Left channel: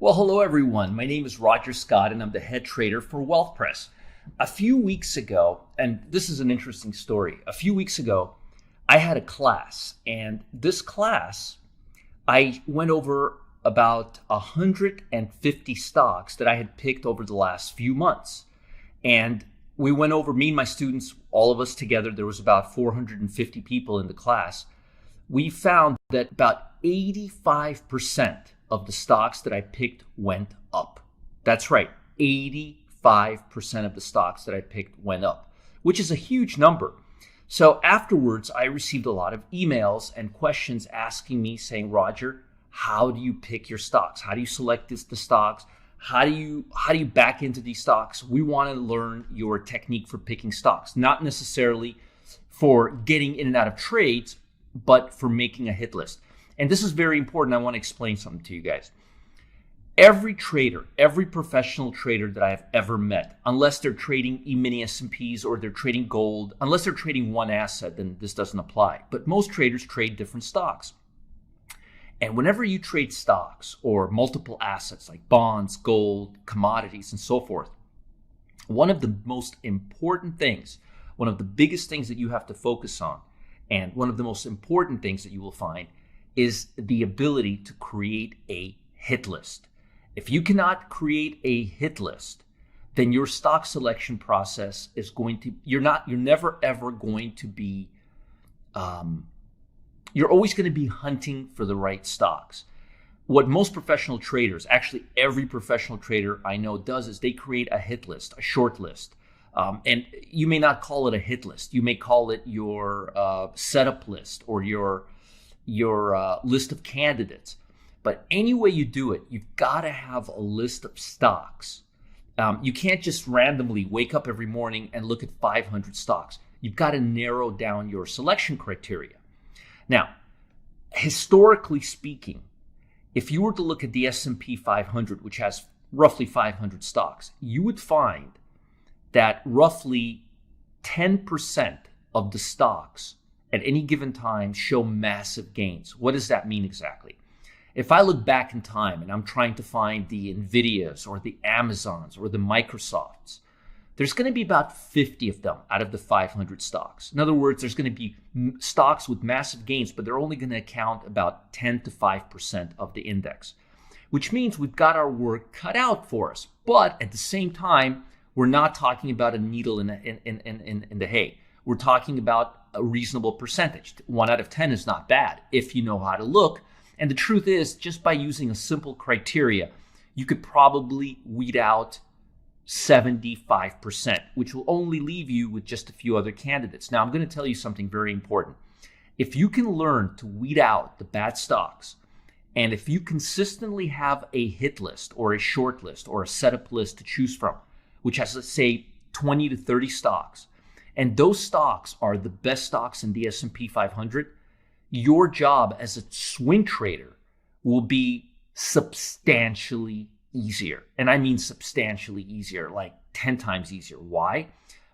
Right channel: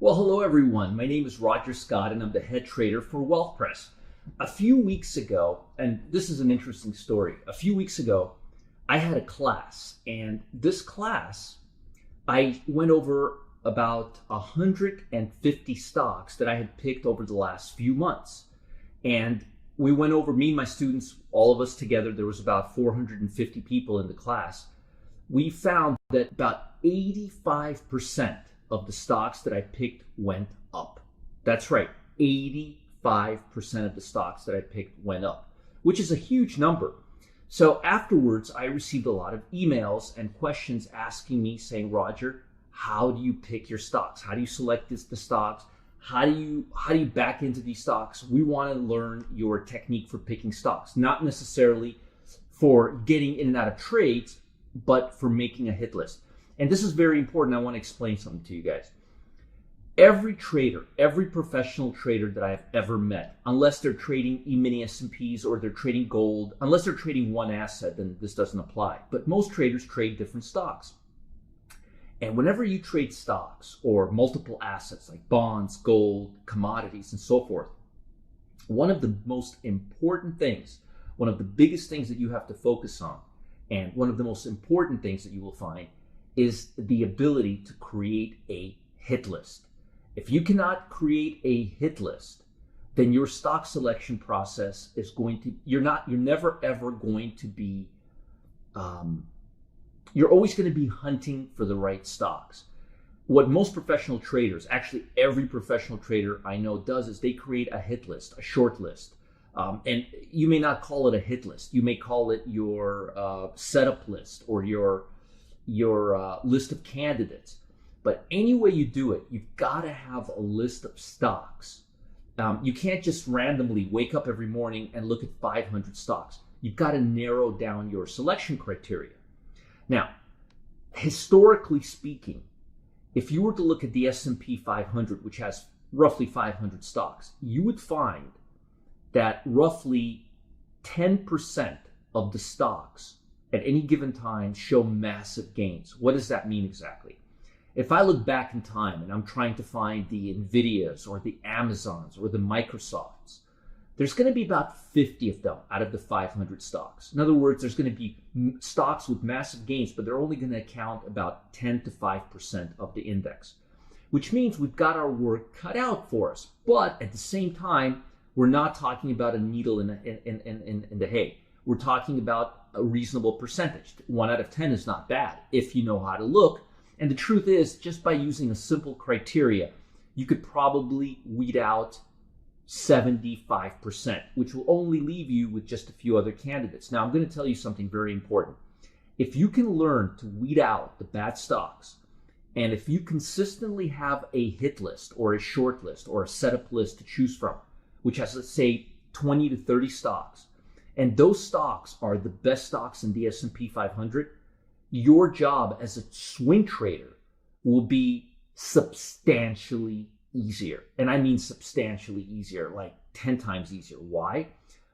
Well, hello everyone. My name is Roger Scott and I'm the head trader for Wealthpress. A few weeks ago, and this is an interesting story. A few weeks ago, I had a class, and this class, I went over about 150 stocks that I had picked over the last few months. And we went over, me and my students, all of us together, there was about 450 people in the class. We found that about 85% of the stocks that I picked went up. That's right, 85% of the stocks that I picked went up, which is a huge number. So afterwards, I received a lot of emails and questions asking me, saying, Roger, how do you pick your stocks? How do you select the stocks? How do you back into these stocks? We want to learn your technique for picking stocks, not necessarily for getting in and out of trades, but for making a hit list. And this is very important. I want to explain something to you guys. Every trader, every professional trader that I've ever met, unless they're trading E-mini S&Ps or they're trading gold, unless they're trading one asset, then this doesn't apply. But most traders trade different stocks. And whenever you trade stocks or multiple assets like bonds, gold, commodities, and so forth, one of the most important things, one of the biggest things that you have to focus on, and one of the most important things that you will find is the ability to create a hit list. If you cannot create a hit list, then your stock selection process is going to, you're never ever going to be, you're always going to be hunting for the right stocks. What most professional traders, actually every professional trader I know does, is they create a hit list, a short list. And you may not call it a hit list. You may call it your setup list or your list of candidates. But any way you do it, you've got to have a list of stocks. You can't just randomly wake up every morning and look at 500 stocks. You've got to narrow down your selection criteria. Now, historically speaking, if you were to look at the S&P 500, which has roughly 500 stocks, you would find that roughly 10% of the stocks at any given time show massive gains. What does that mean exactly? If I look back in time and I'm trying to find the Nvidias or the Amazons or the Microsofts, there's going to be about 50 of them out of the 500 stocks. In other words, there's going to be stocks with massive gains, but they're only going to account about 10 to 5% of the index, which means we've got our work cut out for us. But at the same time, we're not talking about a needle in the hay. We're talking about a reasonable percentage. 1 out of 10 is not bad if you know how to look. And the truth is, just by using a simple criteria, you could probably weed out 75%, which will only leave you with just a few other candidates. Now, I'm going to tell you something very important. If you can learn to weed out the bad stocks, and if you consistently have a hit list or a short list or a setup list to choose from, which has, let's say, 20 to 30 stocks, and those stocks are the best stocks in the S&P 500, your job as a swing trader will be substantially easier. And I mean substantially easier, like 10 times easier. Why?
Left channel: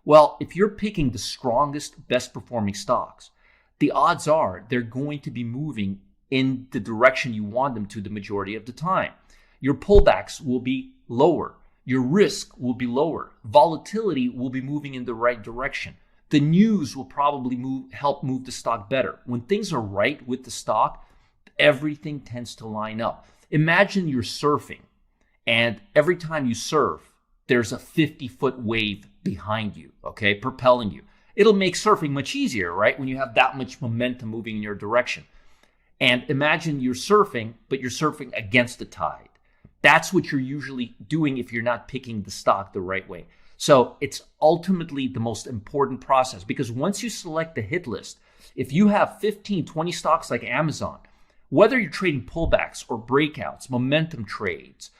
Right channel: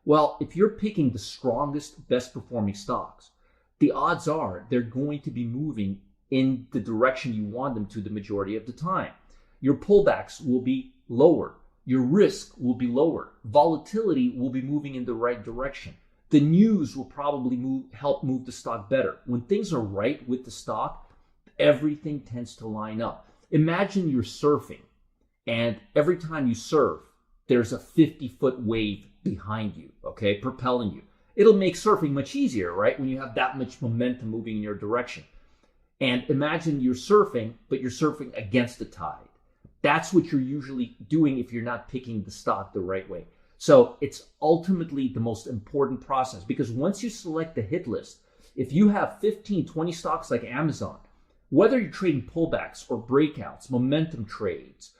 Well, if you're picking the strongest, best performing stocks, the odds are they're going to be moving in the direction you want them to the majority of the time. Your pullbacks will be lower. Your risk will be lower. Volatility will be moving in the right direction. The news will probably help move the stock better. When things are right with the stock, everything tends to line up. Imagine you're surfing, and every time you surf, there's a 50-foot wave behind you, okay, propelling you. It'll make surfing much easier, right, when you have that much momentum moving in your direction. And imagine you're surfing, but you're surfing against the tide. That's what you're usually doing if you're not picking the stock the right way. So it's ultimately the most important process, because once you select the hit list, if you have 15, 20 stocks like Amazon, whether you're trading pullbacks or breakouts, momentum trades,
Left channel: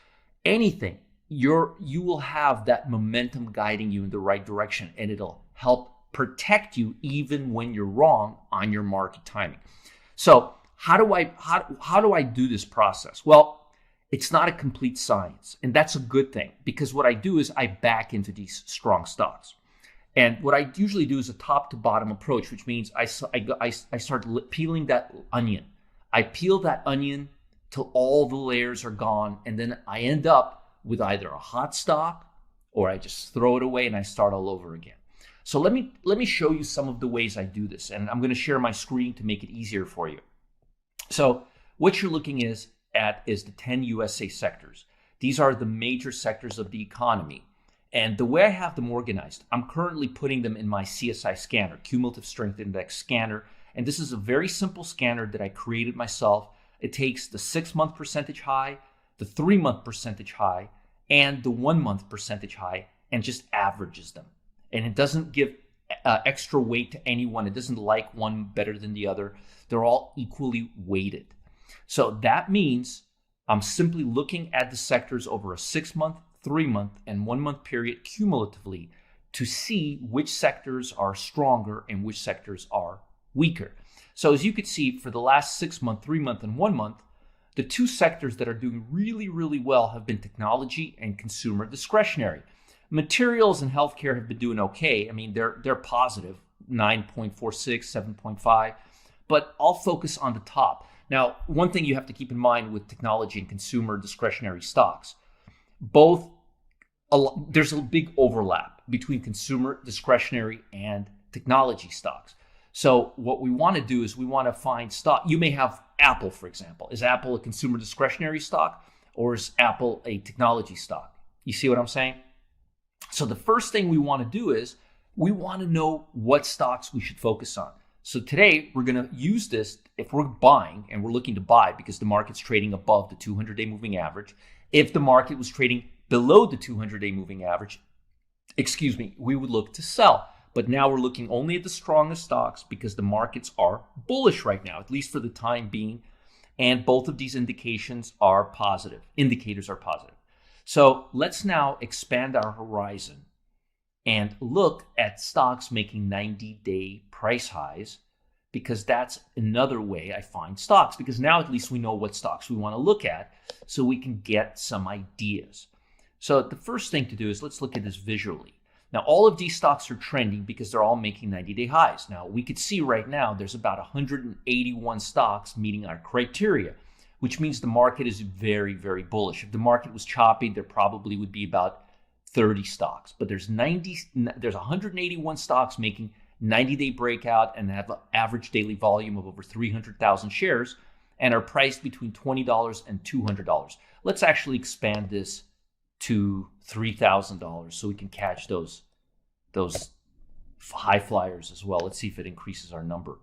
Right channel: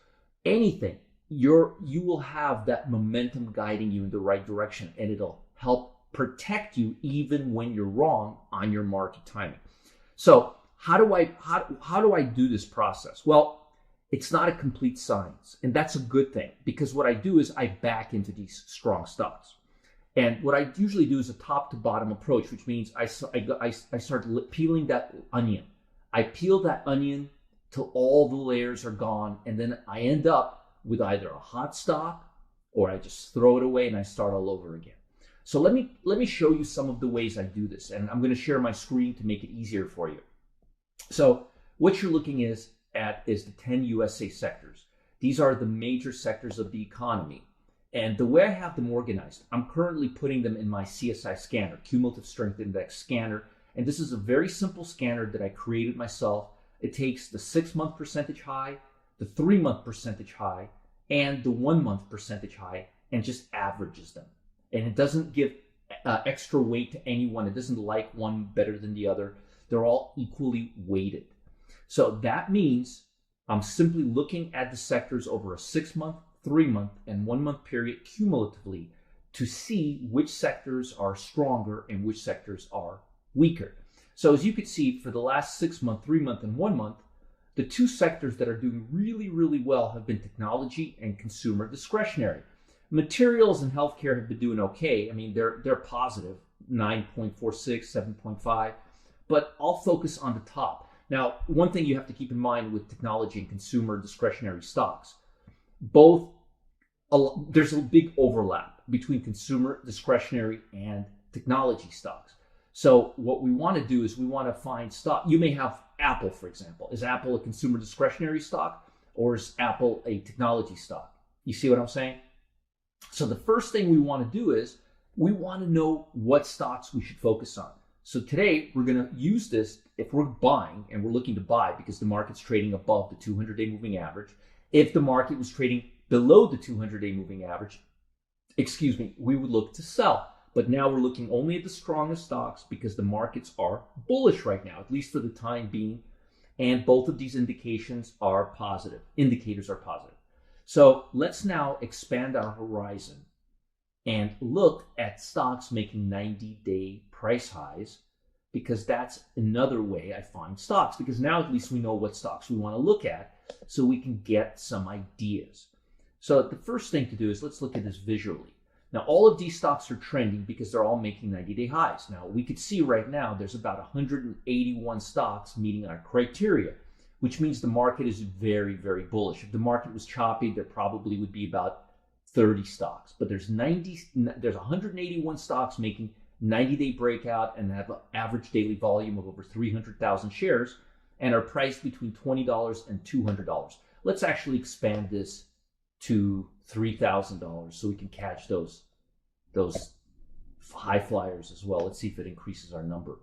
anything, you will have that momentum guiding you in the right direction, and it'll help protect you even when you're wrong on your market timing. So how do I do this process? Well, it's not a complete science, and that's a good thing, because what I do is I back into these strong stocks. And what I usually do is a top to bottom approach, which means I start peeling that onion. I peel that onion till all the layers are gone. And then I end up with either a hot stock or I just throw it away and I start all over again. So let me show you some of the ways I do this. And I'm going to share my screen to make it easier for you. So what you're looking at is the 10 USA sectors. These are the major sectors of the economy. And the way I have them organized, I'm currently putting them in my CSI scanner, Cumulative Strength Index scanner. And this is a very simple scanner that I created myself. It takes the 6-month percentage high, the 3-month percentage high, and the 1-month percentage high, and just averages them. And it doesn't give extra weight to anyone. It doesn't like one better than the other. They're all equally weighted. So that means I'm simply looking at the sectors over a 6-month, 3-month, and 1-month period cumulatively to see which sectors are stronger and which sectors are weaker. So as you could see, for the last 6-month, 3-month, and 1-month, the two sectors that are doing really, really well have been technology and consumer discretionary. Materials and healthcare have been doing okay. I mean, they're positive, 9.46, 7.5, but I'll focus on the top. Now, one thing you have to keep in mind with technology and consumer discretionary stocks, there's a big overlap between consumer discretionary and technology stocks. So what we want to do is we want to find stock. You may have Apple, for example. Is Apple a consumer discretionary stock or is Apple a technology stock? You see what I'm saying? So the first thing we want to do is we want to know what stocks we should focus on. So today we're going to use this if we're buying and we're looking to buy because the market's trading above the 200-day moving average. If the market was trading below the 200-day moving average, we would look to sell. But now we're looking only at the strongest stocks because the markets are bullish right now, at least for the time being. And both of these indicators are positive. So let's now expand our horizon and look at stocks making 90-day price highs, because that's another way I find stocks, because now at least we know what stocks we want to look at so we can get some ideas. So the first thing to do is let's look at this visually. Now, all of these stocks are trending because they're all making 90-day highs. Now, we could see right now there's about 181 stocks meeting our criteria, which means the market is very, very bullish. If the market was choppy, there probably would be about 30 stocks. But there's 181 stocks making 90-day breakout and have an average daily volume of over 300,000 shares and are priced between $20 and $200. Let's actually expand this to $3,000 so we can catch those high flyers as well. Let's see if it increases our number.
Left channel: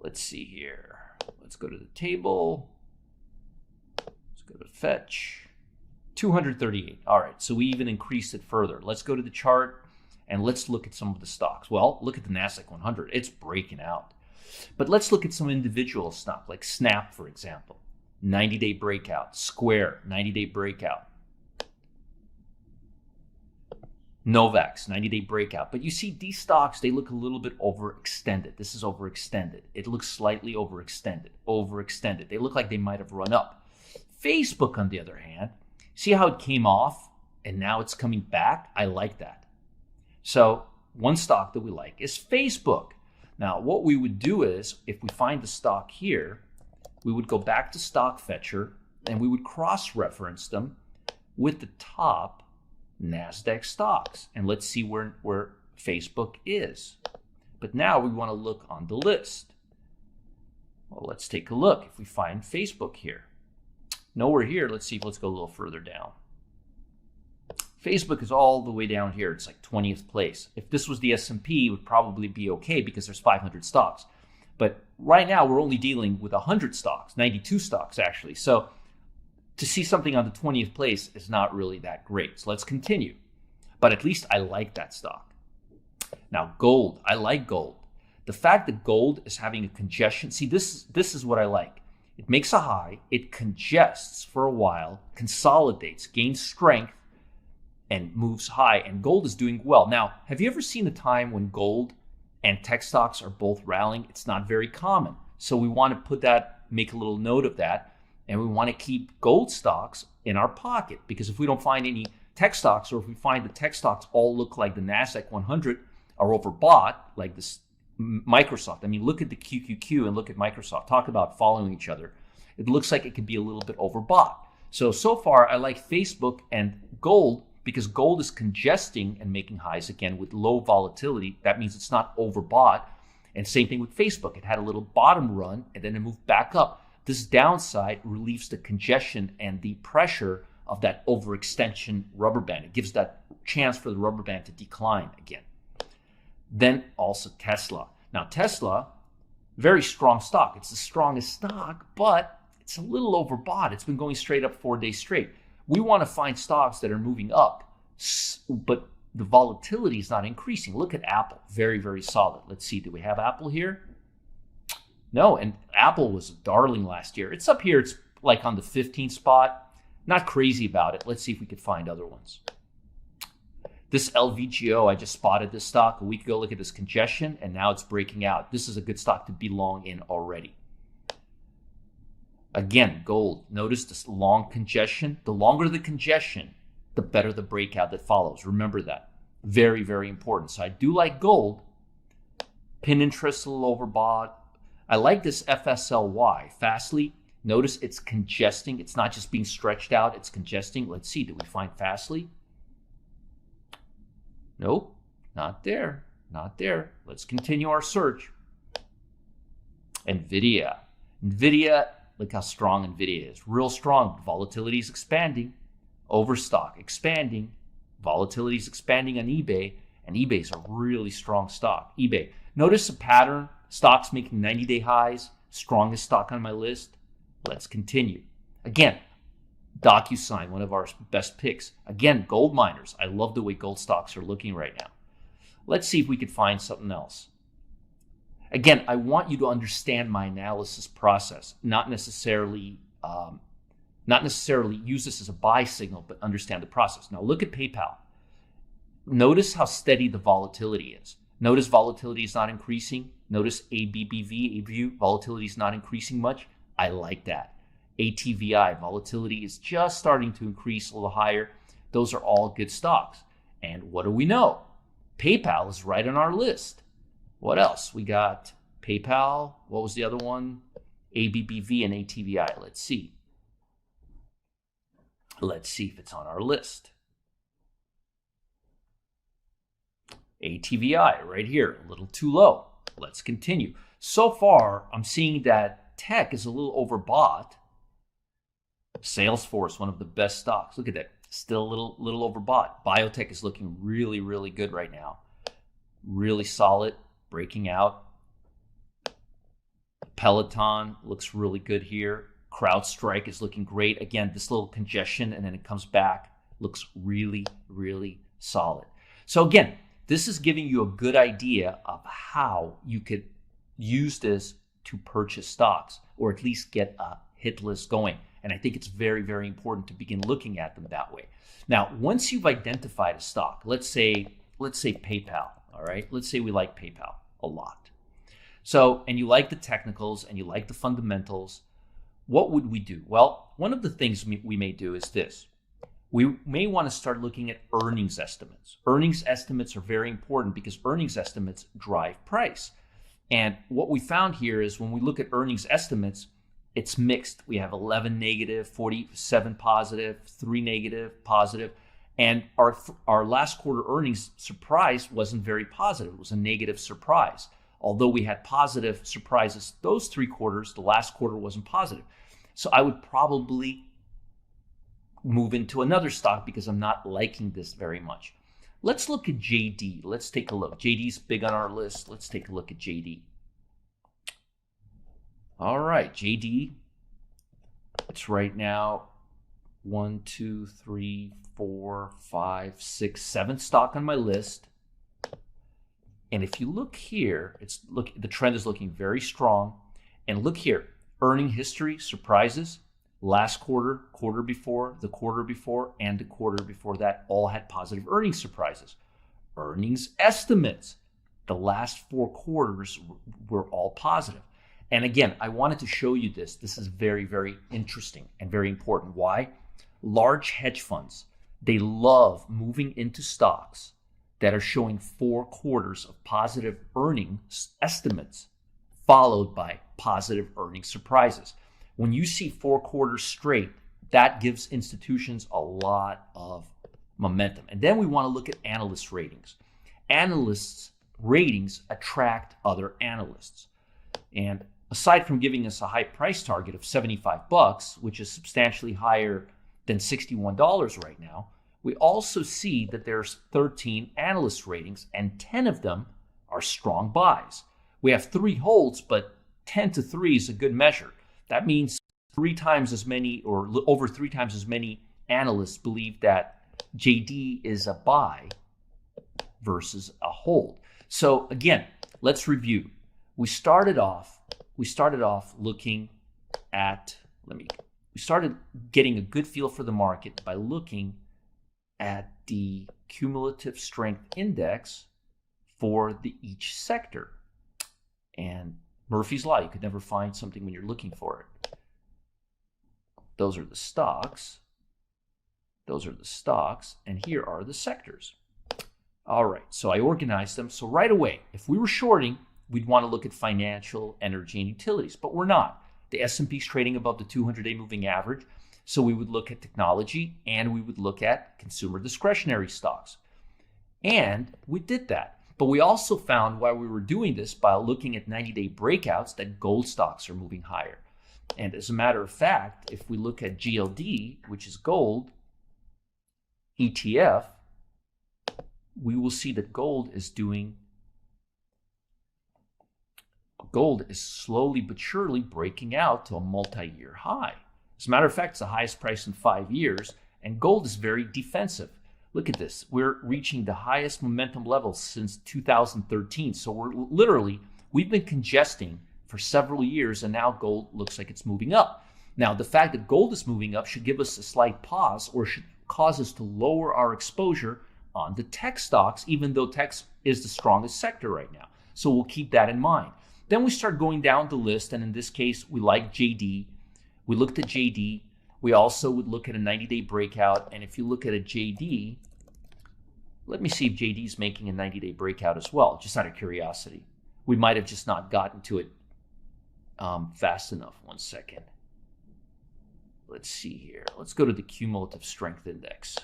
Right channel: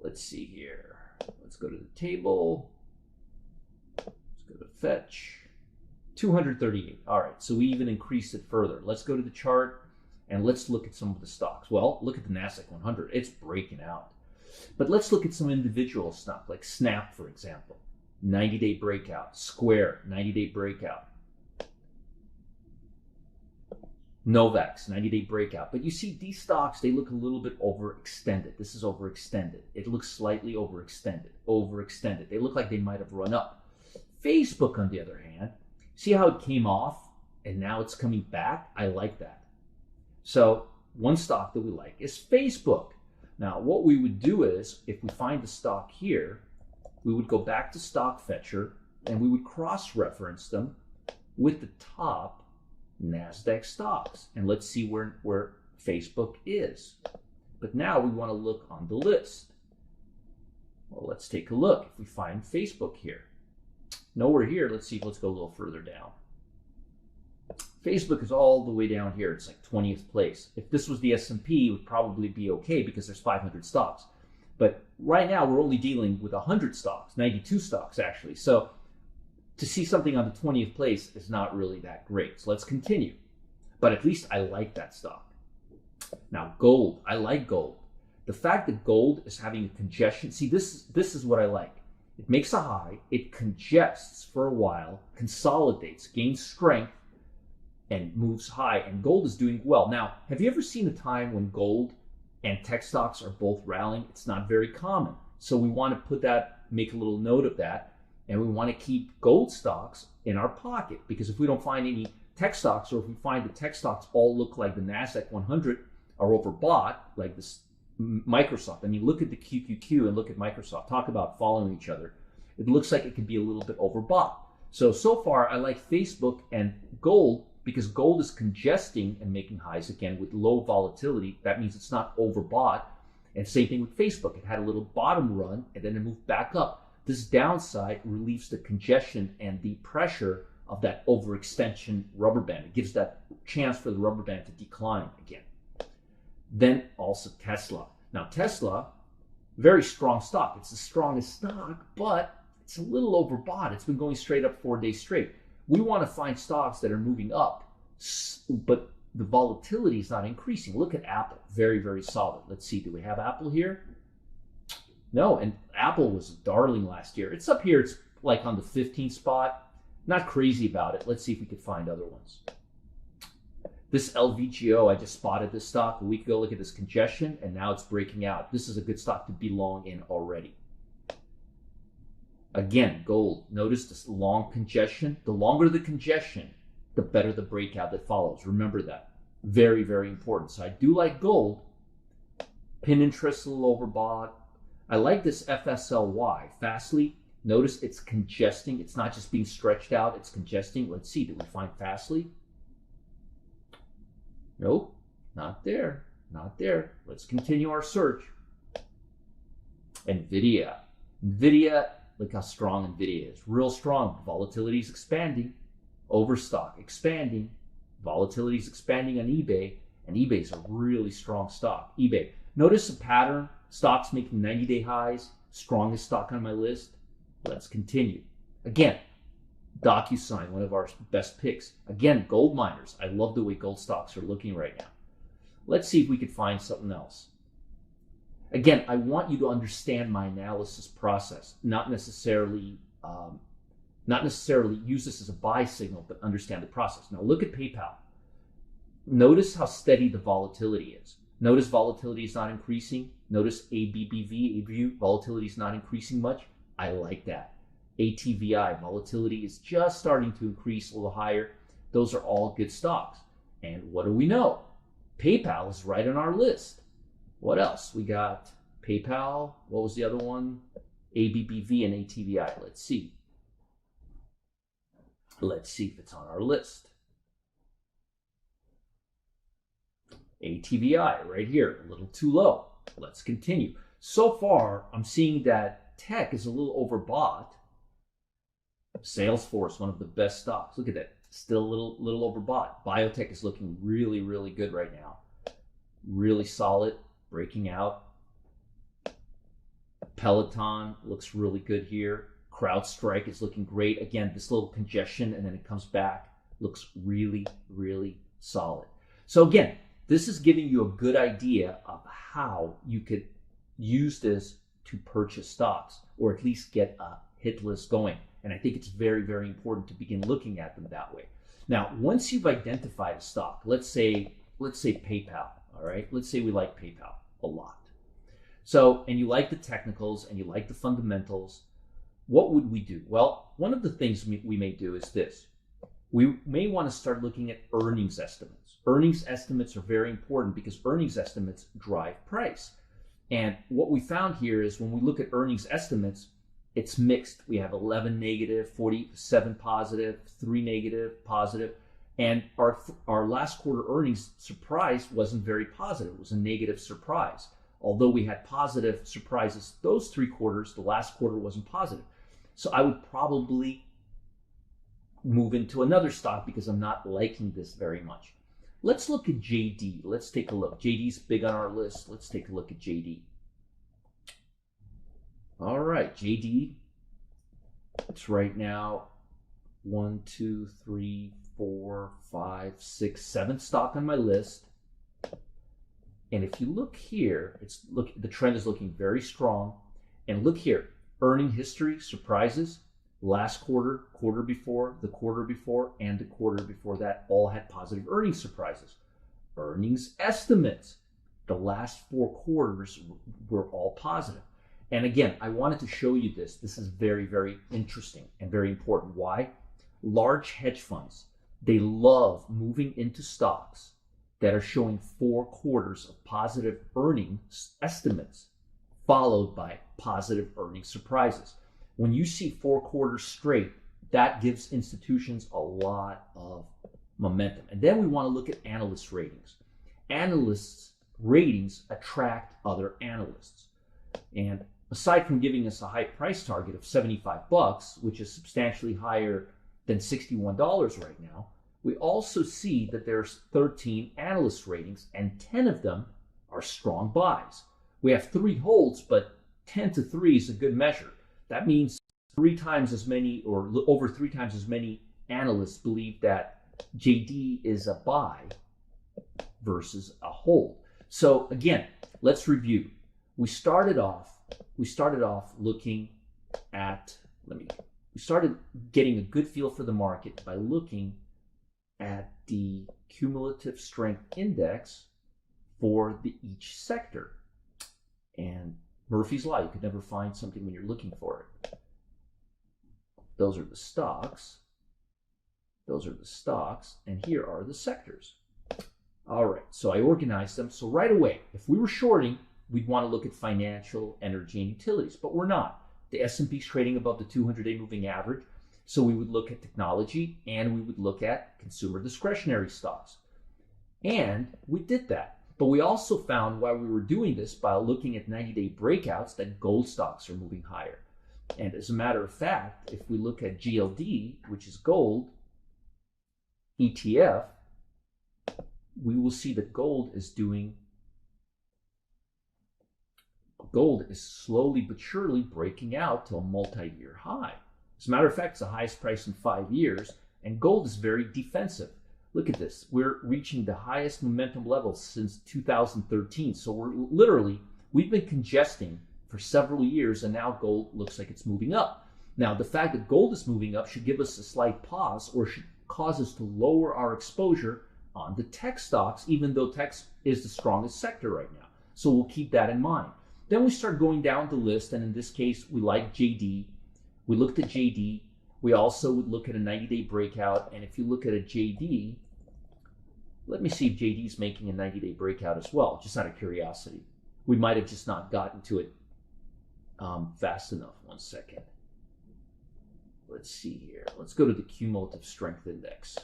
Let's see here. Let's go to the table. Let's go to fetch. 238. All right, so we even increased it further. Let's go to the chart and let's look at some of the stocks. Well, look at the NASDAQ 100. It's breaking out. But let's look at some individual stocks like Snap, for example. 90-day breakout. Square, 90-day breakout. Novax, 90-day breakout. But you see these stocks, they look a little bit overextended. This is overextended. It looks slightly overextended. They look like they might have run up. Facebook, on the other hand, see how it came off and now it's coming back? I like that. So one stock that we like is Facebook. Now, what we would do is, if we find the stock here, we would go back to Stock Fetcher and we would cross-reference them with the top NASDAQ stocks. And let's see where Facebook is. But now we want to look on the list. Well, let's take a look. If we find Facebook here. Nowhere here. Let's go a little further down. Facebook is all the way down here. It's like 20th place. If this was the S&P, it would probably be okay because there's 500 stocks. But right now, we're only dealing with 100 stocks, 92 stocks actually. So to see something on the 20th place is not really that great. So let's continue. But at least I like that stock. Now, gold. I like gold. The fact that gold is having a congestion. See, this is what I like. It makes a high. It congests for a while, consolidates, gains strength, and moves high. And gold is doing well. Now, have you ever seen a time when gold and tech stocks are both rallying? It's not very common. So we want to make a little note of that. And we want to keep gold stocks in our pocket, because if we don't find any tech stocks, or if we find the tech stocks all look like the NASDAQ 100 are overbought, like this Microsoft. I mean, look at the QQQ and look at Microsoft. Talk about following each other. it looks like it could be a little bit overbought. So far, I like Facebook and gold because gold is congesting and making highs again with low volatility. That means it's not overbought. And same thing with Facebook. It had a little bottom run and then it moved back up. This downside relieves the congestion and the pressure of that overextension rubber band. It gives that chance for the rubber band to decline again. Then also Tesla. Now Tesla, very strong stock. It's the strongest stock, but it's a little overbought. It's been going straight up 4 days straight. We want to find stocks that are moving up, but the volatility is not increasing. Look at Apple, very, very solid. Let's see, do we have Apple here? No, and Apple was a darling last year. It's up here, it's like on the 15th spot. Not crazy about it. Let's see if we could find other ones. This LVGO, I just spotted this stock a week ago. Look at this congestion, and now it's breaking out. This is a good stock to be long in already. Again, gold. Notice this long congestion. The longer the congestion, the better the breakout that follows. Remember that. Very, very important. So I do like gold. Pin interest a little overbought. I like this FSLY, Fastly. Notice it's congesting. It's not just being stretched out. It's congesting. Let's see. Do we find Fastly? Nope. Not there. Not there. Let's continue our search. NVIDIA. NVIDIA, look how strong NVIDIA is. Real strong. Volatility is expanding. Overstock expanding. Volatility is expanding on eBay. And eBay is a really strong stock. eBay. Notice a pattern. Stocks making 90-day highs. Strongest stock on my list. Let's continue. Again, DocuSign, one of our best picks. Again, gold miners. I love the way gold stocks are looking right now. Let's see if we could find something else. Again, I want you to understand my analysis process, not necessarily use this as a buy signal, but understand the process. Now look at PayPal. Notice how steady the volatility is. Notice volatility is not increasing. Notice ABBV, volatility is not increasing much. I like that. ATVI, volatility is just starting to increase a little higher. Those are all good stocks. And what do we know? PayPal is right on our list. What else? We got PayPal. What was the other one? ABBV and ATVI. Let's see. Let's see if it's on our list. ATVI right here, a little too low. Let's continue. So far, I'm seeing that tech is a little overbought. Salesforce, one of the best stocks. Look at that. Still a little overbought. Biotech is looking really, really good right now. Really solid, breaking out. Peloton looks really good here. CrowdStrike is looking great. Again, this little congestion and then it comes back. Looks really, really solid. So again, this is giving you a good idea of how you could use this to purchase stocks or at least get a hit list going. And I think it's very, very important to begin looking at them that way. Now, once you've identified a stock, let's say PayPal, all right? Let's say we like PayPal a lot. So, and you like the technicals and you like the fundamentals, what would we do? Well, one of the things we may do is this. We may want to start looking at earnings estimates. Earnings estimates are very important because earnings estimates drive price. And what we found here is when we look at earnings estimates, it's mixed. We have 11 negative, 47 positive, 3 negative, positive. And our last quarter earnings surprise wasn't very positive. It was a negative surprise. Although we had positive surprises those 3 quarters, the last quarter wasn't positive. So I would probably move into another stock because I'm not liking this very much. Let's look at JD. Let's take a look. JD's big on our list. Let's take a look at JD. All right, JD. It's right now 1, 2, 3, 4, 5, 6, 7th stock on my list. And if you look here, the trend is looking very strong. And look here, earning history, surprises. Last quarter, quarter before, the quarter before, and the quarter before that all had positive earnings surprises. Earnings estimates, the last 4 quarters were all positive. And again, I wanted to show you this. This is very, very interesting and very important. Why? Large hedge funds, they love moving into stocks that are showing 4 quarters of positive earnings estimates, followed by positive earnings surprises. When you see 4 quarters straight, that gives institutions a lot of momentum. And then we want to look at analyst ratings. Analysts' ratings attract other analysts. And aside from giving us a high price target of $75, which is substantially higher than $61 right now, we also see that there's 13 analyst ratings and 10 of them are strong buys. We have 3 holds, but 10 to 3 is a good measure. That means 3 times as many or over 3 times as many analysts believe that JD is a buy versus a hold. So again, let's review. We started off looking at, we started getting a good feel for the market by looking at the cumulative strength index for each sector. And Murphy's Law, you could never find something when you're looking for it. Those are the stocks. Those are the stocks, and here are the sectors. All right, so I organized them. So right away, if we were shorting, we'd want to look at financial, energy, and utilities, but we're not. The S&P is trading above the 200-day moving average, so we would look at technology and we would look at consumer discretionary stocks. And we did that. But we also found while we were doing this by looking at 90-day breakouts that gold stocks are moving higher. And as a matter of fact, if we look at GLD, which is gold, ETF, we will see that gold is slowly but surely breaking out to a multi-year high. As a matter of fact, it's the highest price in 5 years, and gold is very defensive. Look at this. We're reaching the highest momentum levels since 2013. So we've been congesting for several years, and now gold looks like it's moving up. Now, the fact that gold is moving up should give us a slight pause or should cause us to lower our exposure on the tech stocks, even though tech is the strongest sector right now. So we'll keep that in mind. Then we start going down the list, and in this case, we like JD. We looked at JD. We also would look at a 90-day breakout, and if you look at a JD, let me see if JD is making a 90-day breakout as well, just out of curiosity. We might have just not gotten to it fast enough. 1 second. Let's see here. Let's go to the cumulative strength index.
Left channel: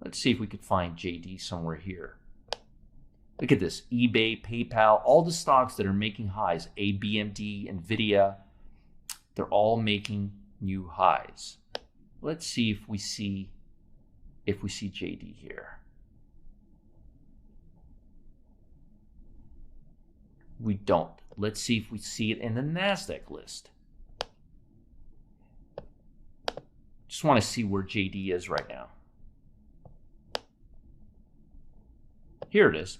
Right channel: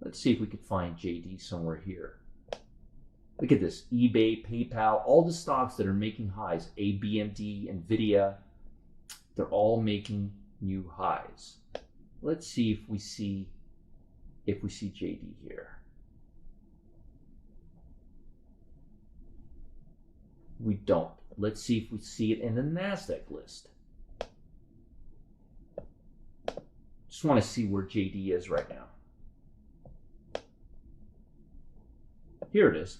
Let's see if we could find JD somewhere here. Look at this, eBay, PayPal, all the stocks that are making highs, ABMD, NVIDIA, they're all making new highs. Let's see if we see JD here. We don't. Let's see if we see it in the NASDAQ list. Just want to see where JD is right now. Here it is.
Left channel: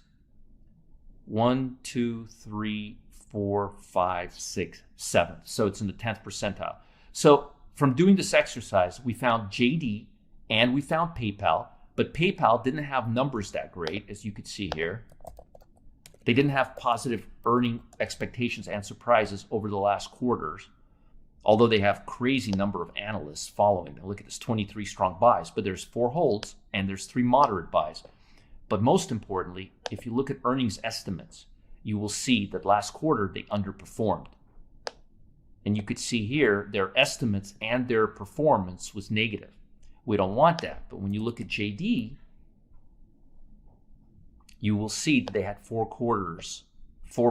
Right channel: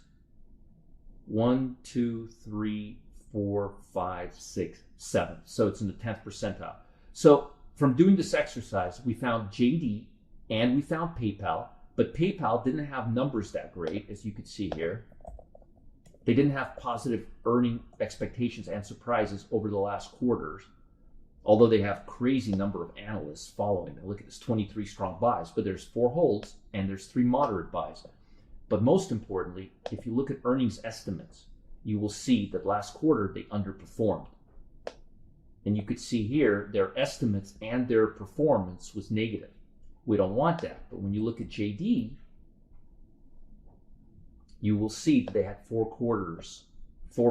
1, 2, 3, 4, 5, 6, 7. So it's in the 10th percentile. So from doing this exercise, we found JD and we found PayPal, but PayPal didn't have numbers that great, as you could see here. They didn't have positive earning expectations and surprises over the last quarters, although they have crazy number of analysts following them. Look at this, 23 strong buys, but there's 4 holds and there's 3 moderate buys. But most importantly, if you look at earnings estimates, you will see that last quarter they underperformed. And you could see here their estimates and their performance was negative. We don't want that. But when you look at JD, you will see that they had 4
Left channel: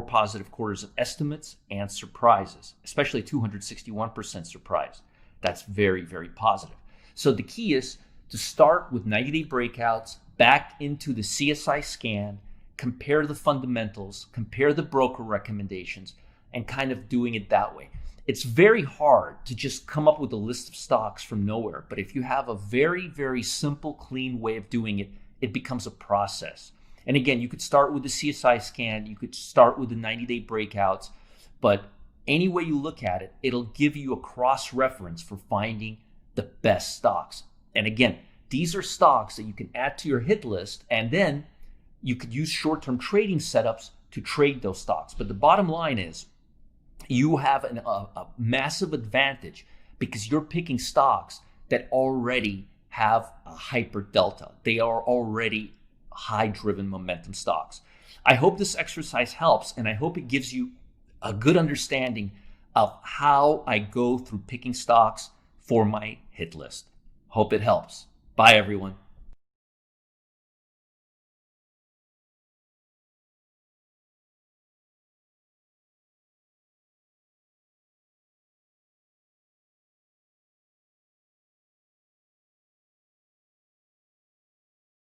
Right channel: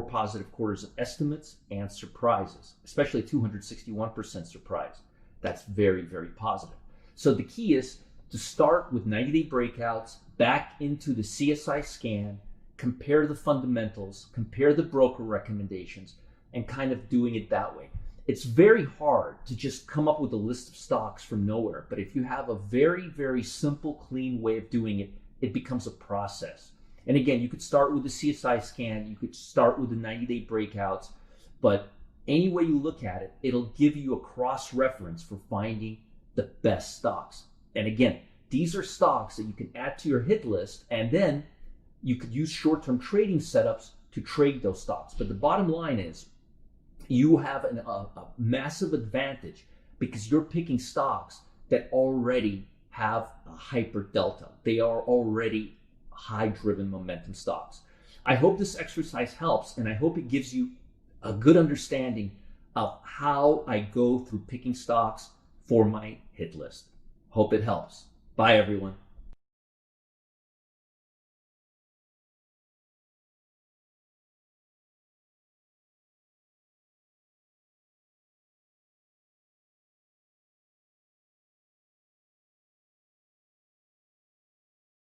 positive quarters of estimates and surprises, especially 261% surprise. That's very, very positive. So the key is to start with 90-day breakouts, back into the CSI scan, compare the fundamentals, compare the broker recommendations, and kind of doing it that way. It's very hard to just come up with a list of stocks from nowhere, but if you have a very, very simple, clean way of doing it, it becomes a process. And again, you could start with the CSI scan, you could start with the 90-day breakouts, but any way you look at it, it'll give you a cross-reference for finding the best stocks. And again, these are stocks that you can add to your hit list, and then you could use short-term trading setups to trade those stocks. But the bottom line is you have a massive advantage because you're picking stocks that already have a hyper delta. They are already high-driven momentum stocks. I hope this exercise helps, and I hope it gives you a good understanding of how I go through picking stocks for my hit list. Hope it helps. Bye, everyone.